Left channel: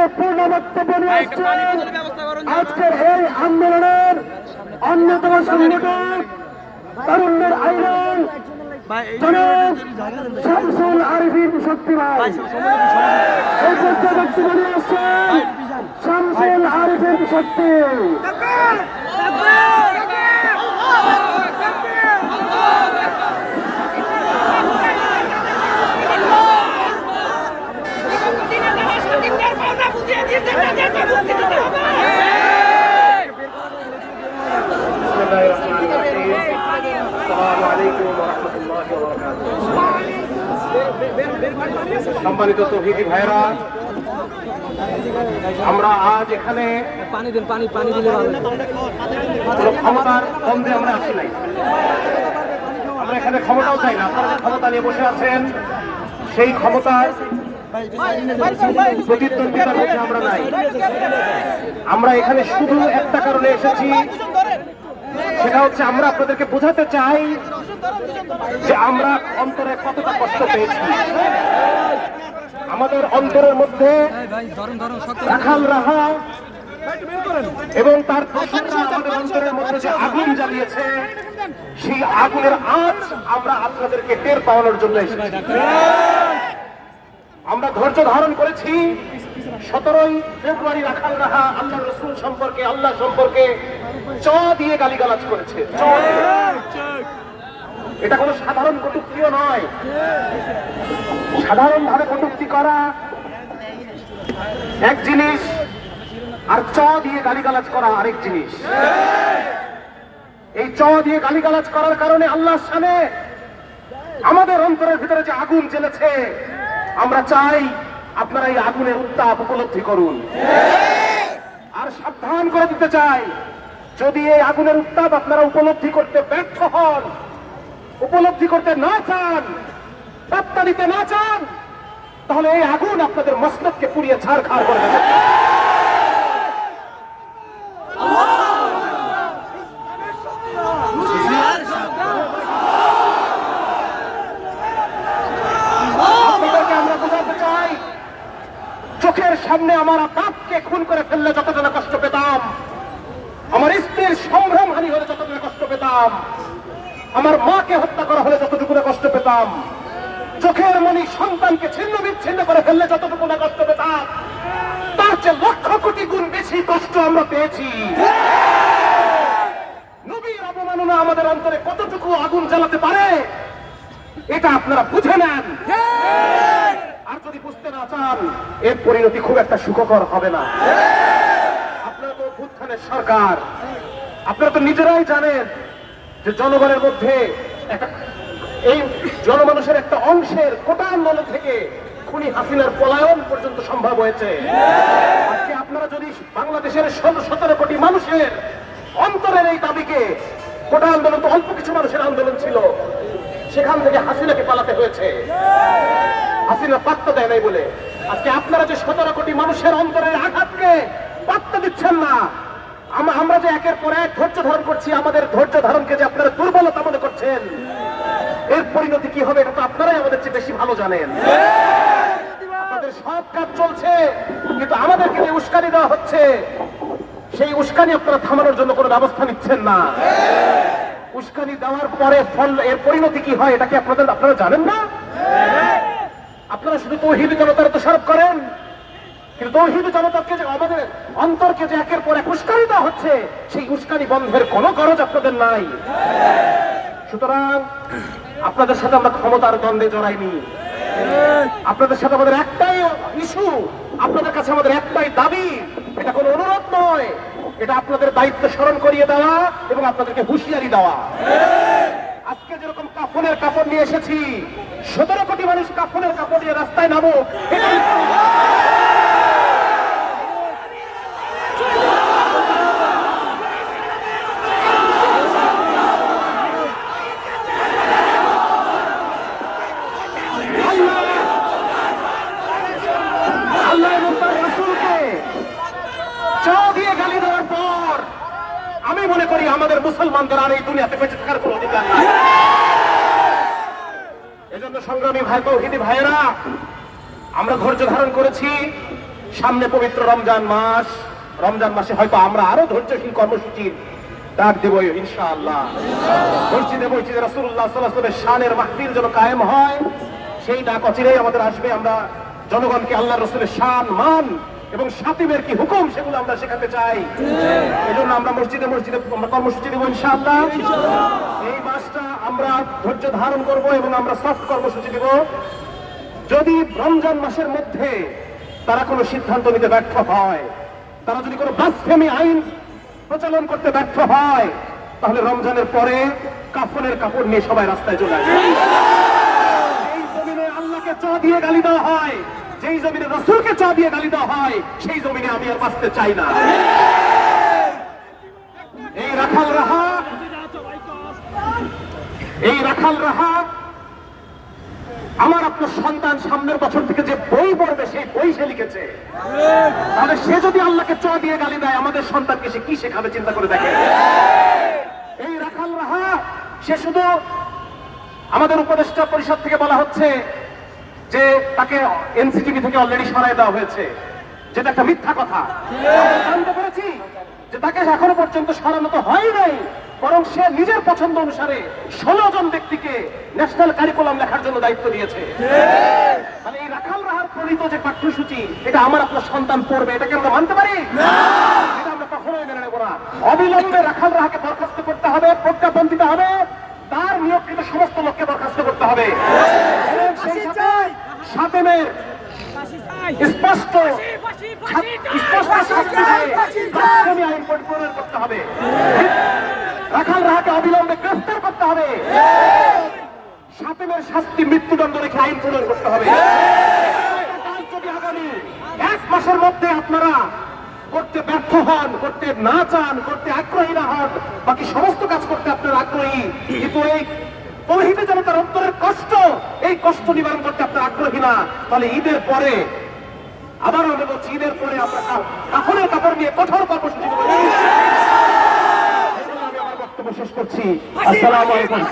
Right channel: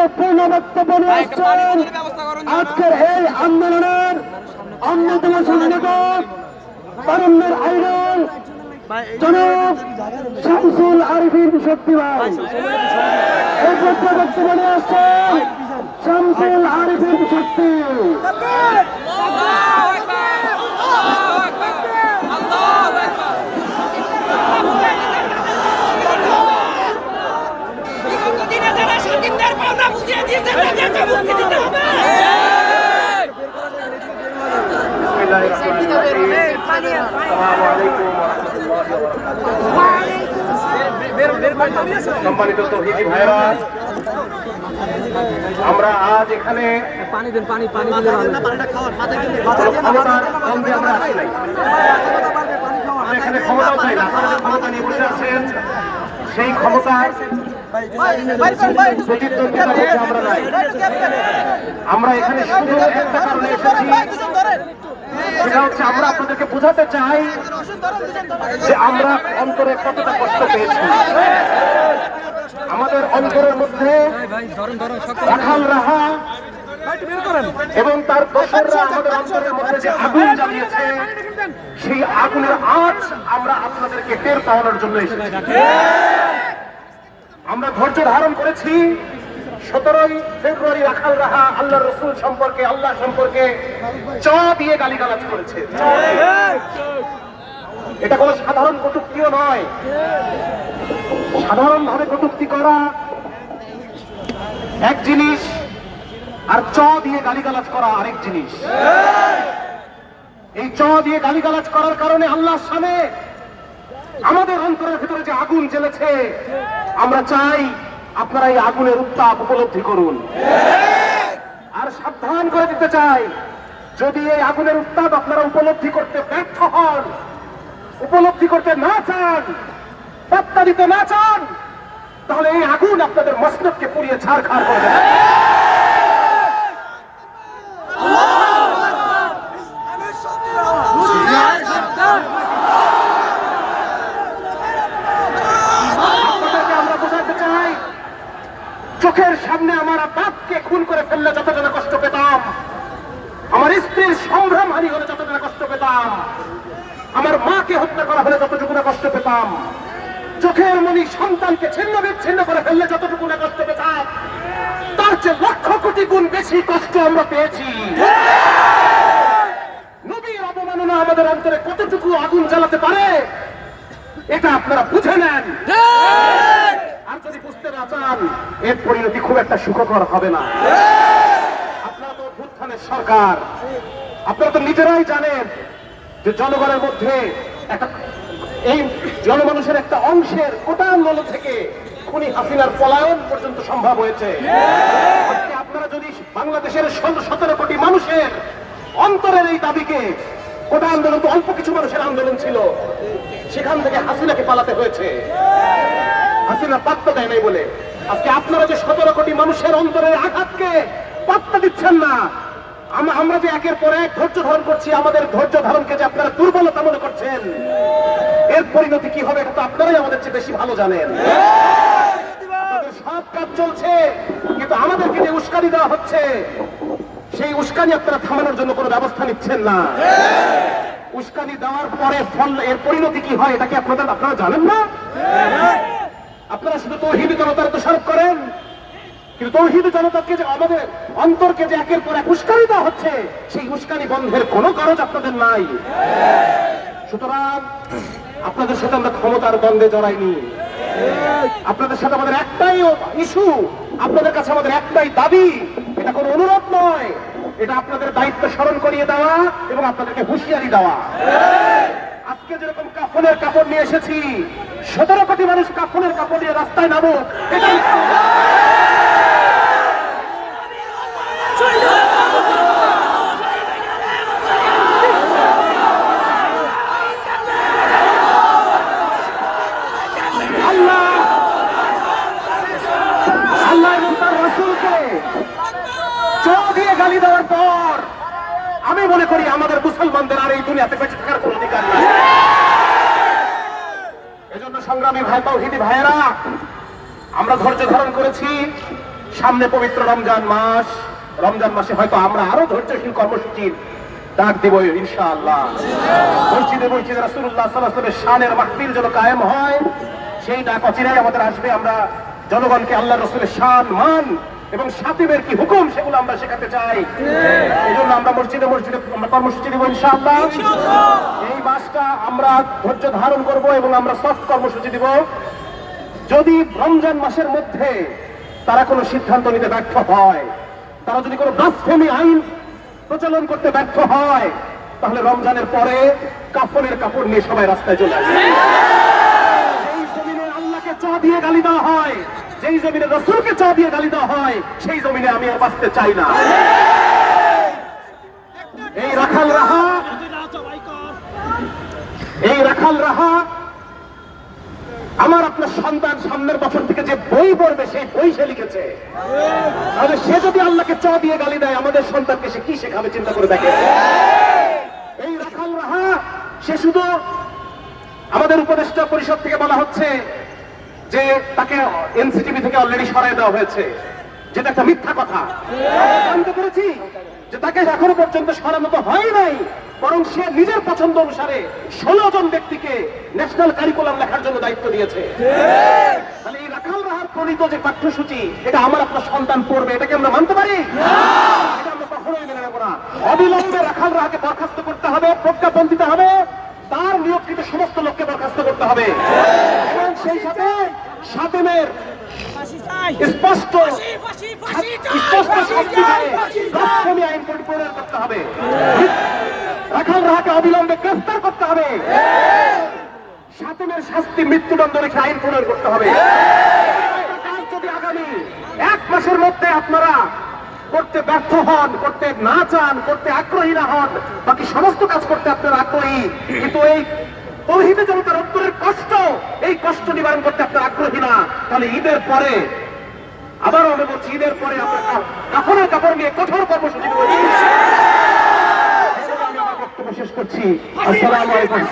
গুরুত্বপূর্ণ বক্তব্য নিয়ে আসছেন আজকের এই আন্দোলনের অন্যতম সংগঠক তারুণ্যের আইন জনাব শামসুল আরিফিন শক্তি ভাই। এই বক্তব্য নিয়ে আসছেন শামসুল আরিফিন শক্তি। সম্মানিত তৌহিদি ভাইরা, আমরা আজ এখানে পানি দিলে ক্ষমতার দ্বন্দ্বে আমরা আসি নাই। আমরা এখানে ক্ষমতাও চাই না। আপনারা যে ক্ষমতা নিয়ে বসে আছেন সেই ক্ষমতার প্রতিদ্বন্দ্বিতার মধ্যে আমরা নাই। আমরা এখানে শুধু একটা কারণে এসেছি, সেটা হচ্ছে আমরা আপনাদেরকে বোঝাতে চাই যে আমরা অন্তরে কতটা কষ্ট পেয়েছি। আমাদের অন্তরের মধ্যে রাখাল রাহা এবং তার দোসররা আমাদের অন্তরের মধ্যে যে আগুন জ্বালিয়েছে, সেই আগুনের আঁচ আমরা আপনাদেরকে টের পাওয়ানোর জন্য এসেছি। আমরা ধৈর্য ধারণ করেছি। 17ই ফেব্রুয়ারি রাখাল রাহা আল্লাহ রসুল সম্পর্কে, আল্লাহ সম্পর্কে চ দিয়ে গালিগালাজ করেছে। এটা কোনো সাধারণ কটূক্তিও নয়। সাধারণভাবে কটূক্তি করা এক জিনিস, আর চ দিয়ে গালিগালাজ করা আরেক জিনিস। এই চ দিয়ে গালিগালাজ করার কারণে আল্লাহর সামনে আমাদের অন্তরের ভিতরে যে আগুন জ্বলেছে, আমরা চাই আপনারা এই আগুনের উত্তাপ উপলব্ধি করুন। আর সাবধান করে দিতে চাই, যদি এই আগুনের উত্তাপ আপনারা উপলব্ধি করতে ব্যর্থ হন, উপলব্ধি করতে না চান, পাত্তা দিতে না চান, তাহলে এই আগুন আপনাদের মস্তককে পুড়িয়ে ছাড়খাড় করে দেবে। আপনাদেরকে আমরা বোঝাতে চাই, চোখের সামনে আমার বাপকে খুন করে ফেললে যতটা না কষ্ট পেতাম, আমার স্ত্রীর সংগ্রামহানি হলে যতটা না কষ্ট পেতাম, আমার মাকে হত্যা করা হলে যতটুকু না কষ্ট পেতাম, চোখের মনি সন্তানকে ছিন্ন বিচ্ছিন্ন করে ফেললে যতটুকু না কষ্ট পেতাম, তার চেয়ে লক্ষ কোটি গুণ বেশি কষ্ট আমরা পেয়েছি। নবীর অবমাননা আমাদের অন্তরে কতটুকু আগুন জ্বালাতে পারে, এটা আপনারা বুঝে নেন। আর যদি বুঝতে না চান, এর পরিণতি খুব একটা সুখকর হবে না। আপনারা তো অভ্যুত্থানের সরকার, আপনারা তো নিজেরাই জানেন যে জনগণের মধ্যে একটা, এই জনমানুষের একটা অংশের কোটা আন্দোলন থেকে খুনি হাসিনার পলায়ন পর্যন্ত সম্ভব হয়েছে। আজকে আপনারা যদি বাংলাদেশের 17 কোটি মানুষের অন্তরের এই দাবিকে, কোটা আন্দোলন তো অল্প কিছু মানুষের আন্দোলন ছিল, সেখান থেকে হাসিনাকে পালাতে হয়েছে, হাসিনা পাত্তা দেয় নাই বলে। আজকে আপনারা যে 17 কোটি মানুষের অন্তরের আঘাতকে পাত্তা দিচ্ছেন না, আমরা যে একের পর এক ধৈর্য ধারণ করছি, আমাদের ধৈর্য ধারণকে যে আপনারা দুর্বলতা মনে করছেন, এর পরিণতি কি হবে এটা তো আপনারাই আমাদের চেয়ে বেশি ভালো জানেন। আমাদের সব কাজ চলছে, কিন্তু আমাদেরকে যে উস্কানি দেওয়া হচ্ছে, সেই উস্কানি আপনারা থামানোর জন্য কোনো ব্যবস্থা নিচ্ছেন না। উস্কানি দেওয়ার পরে ফল, এর পরিণতি কি হয় এটা কি আপনারা জানেন না? আপনারা শুধু তৌহিদি জনতার দোষারোপ করেন, কিন্তু তৌহিদি জনতাকে যে আমাদের অন্তরকে যে একের পর এক উস্কানি দেওয়া হচ্ছে, সেই উস্কানি বন্ধের কোনো কারজ আপনাদের নাই। সুতরাং আপনাদের সাথে আমরা ক্ষমতার দ্বন্দ্বে জড়াইনি। আপনাদের সাথে আমাদের একটাই ইস্যু, আপনাদের কাছে আমাদের একটাই দাবি, এটা কোনো অনুরোধ নয়, এটা আপনাদের দায়িত্ব স্মরণ করিয়ে দেওয়া এবং আপনাদেরকে হুঁশিয়ারি দেওয়া। আজকে যেরকম কাফনের কাপড় নিয়ে এসেছি, 17 কোটি মানুষ কাফনের কাপড় নিয়ে রাস্তায় নামুক, গালি দেওয়ার পর আমি মনে করি আমাদের মুসলমানদের আর এই দুনিয়াতে বেঁচে থাকার কোন অধিকার নেই। এজন্য সংগ্রামী ভাই তৌহিদি ভাইয়েরা, আমরা ধৈর্য ধারণ করেছি, সামনে পবিত্র রমজান মাস, রমজান মাসে হয়তো আমরা আরো ধৈর্যশীল কর্মসূচির ডাক দেব ইনশাআল্লাহ। মসজিদে মসজিদে রাসূলুল্লাহ সাল্লাল্লাহু আলাইহি ওয়াসাল্লামের শানের মাহফিল যেন কায়েম হয়, সেই ডাক অচিরেই আমাদের আসবে। আমরা জনগণকে আল্লাহ রসুলের শান, মান এবং শাতিমের কি হুকুম সেগুলো আমরা শেখাতে চাই। এই জন্য আমরা মসজিদে মসজিদে আমরা কর্মসূচি দেবো ইনশাআল্লাহ। এই মাসটা আমরা ধৈর্য ধারণ করব এবং আমরা সফট কর্মসূচি দিব। যদি রমজান মাসের মধ্যে তারা কোনো সিদ্ধান্ত নিতে ব্যর্থ হয়, তারা যদি কোনো ব্লাসফেমি আইন প্রচলন করতে ব্যর্থ হয়, তাহলে রমজানের পরে কাফনের কাপড় নিয়ে সবাই রাস্তায় চলে আসবে। এই জমিনে আল্লাহকে চ দিয়ে গালি দেওয়া হয়, যেই জমিনে রাসূলকে চ দিয়ে গালি দেওয়া হয়, সেই জমিনে আমি আর বাঁচতে চাই না। এই রাখাল রাহা আমার আপনার সন্তান সামনের বছর থেকে যে বই পড়বে সেই বই সে লিখেছে। তাহলে সে যদি আল্লাহকে চ দিয়ে গালি দেয়, আমাদের সন্তানকে সে কি শেখাবে চিন্তা করে দেখে। এই রাখাল রাহা সে শুধু আমাদের উপদেষ্টা পরিষদ থেকে বলা হচ্ছে যে তাকে এনসিটিভি থেকে অলরেডি সরাই দেওয়া হয়েছে, যেটা একটা মিথ্যা কথা। জানতে পেরেছি যে তাকে এখনো পর্যন্ত সরানো তো হয় নাই, বরং সে নিজের পছন্দ অনুসারে 16 জন ব্যক্তিকে ন্যাশনাল কারিকুলাম লেখার জন্য দায়িত্ব দিয়েছে। তাহলে এই রাখাল রাহার প্রণীত যে পাঠ্যসূচি, এটা আমার আপনার সন্তান পড়বে, এটাকে আমরা মানতে পারি? এটা আমরা কখনোই মেনে নেব না। অবিলম্বে রাখাল রাহাকে বরখাস্ত করতে হবে, প্রজ্ঞাপন দিতে হবে, তার নিয়োগকৃত সমস্ত লোককে বরখাস্ত করতে হবে। এবং সেই সাথে শাতিমের স্পষ্ট ব্লাসফেমি আইন প্রণয়ন করতে হবে। রাখাল রাহাকে অবিলম্বে গ্রেফতার করতে হবে। শাতিমের শাস্তি মৃত্যুদণ্ড রেখে আইন প্রণয়ন করতে হবে। যদি আগামী 1 মাসের মধ্যে আপনারা করতে ব্যর্থ হন, করতে না চান, করতে আগ্রহী না হন, বাকি সমস্ত কাজ করতে আপনারা আগ্রহী, কিন্তু এই তৌহিদে জনতার অন্তরের কষ্ট, এই কষ্ট নিবারণ করতে আপনারা আগ্রহী না, তাহলে ঈদের পরে, আবারও আমি বলছি, ঈদের পরে আমরা কাফনের কাপড় নিয়ে কঠোর কর্মসূচি দেব। আমি আমার বক্তব্য শেষ করছি। আসসালামু আলাইকুম।